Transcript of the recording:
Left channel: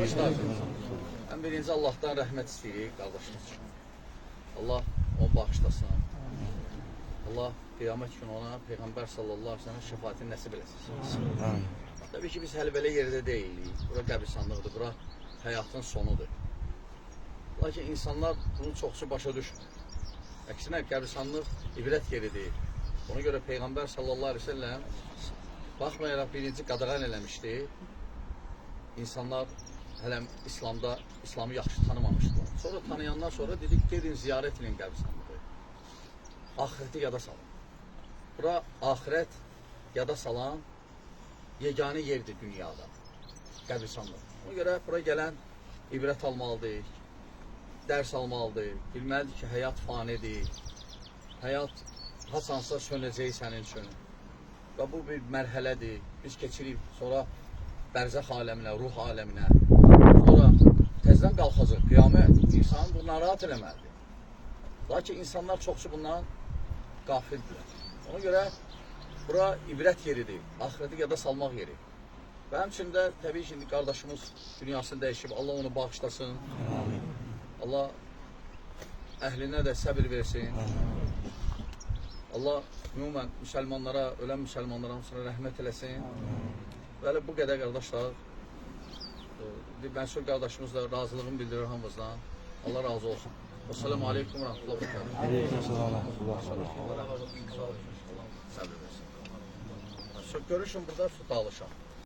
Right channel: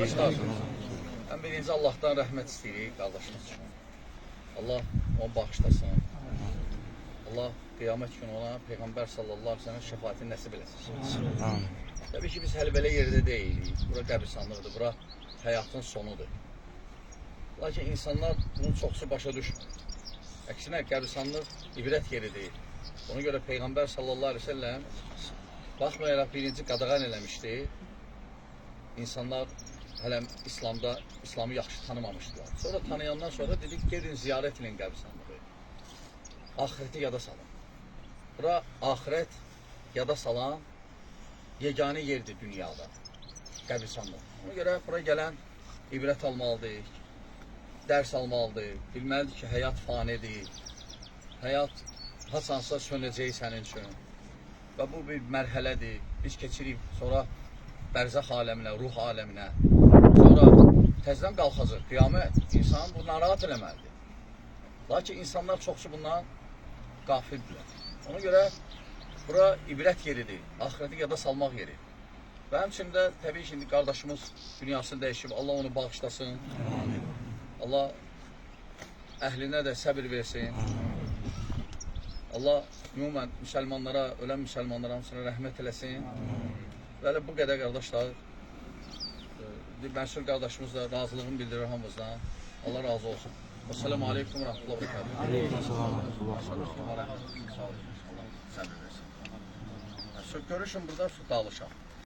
Qardaşlar, ən birinci Allahdan rəhmət istəyirik qardaşımız üçün. Allah onu bağışlasın. Allah qiyamət günü ona Peyğəmbər sallallahu aleyhi ve sellem şəfaatini nəsib eləsin. Təbii ki, biz hələ belə yerdə deyilik. Bura qəbristanlıqdır, bura həyatın sonudur. Lakin insanlar bunun çoxsu başa düşmür. Əksinə, qəbristanlıq ibrət yeridir. Ona görə Peyğəmbər sallallahu aleyhi ve sellem baxmayaraq birinci qadağan eləmişdi. İnsanlar hələ İslamı yaxşı tanımamışdılar. Sonra tanıyandan sonra dedik, gedin ziyarət edin qəbristanlığı. Ahireti yada salın. Bura ahirət yada salan yeganə yerdir dünyada. Qəbristanlıq. Ona görə bura gələn ibrət almalıdır, dərs almalıdır, bilməlidir ki, həyat fanidir. Həyat hasansa sönəcək sənin üçün. Və bu bir mərhələdir. Biz keçirik sonra bərzəx aləminə, ruh aləminə. Sonra təzdən qalxacaq qiyamət. İnsanı bu narahat eləməlidir. Lakin insanlar çoxsu bundan qafildirlər. Ona görə bura ibrət yeridir. Ahireti yada salmaq yeri. Və həmçində təbii ki, qardaşımız dünyasını dəyişib. Allah onu bağışlasın. Allah əhlinə də səbir versin. Allah ümumən müsəlmanlara, ölən müsəlmanlara hamısına rəhmət eləsin. Və bu qədər qardaşlar, məsul qardaşımızla razılığını bildirir hamımızdan. Allah razı olsun. Esselamu aleykum və rəhmətullah və bərəkatuhu. Aleykümselam və rəhmətullah və bərəkatuhu. Səbir versin. Görüşün burada dağılışaq.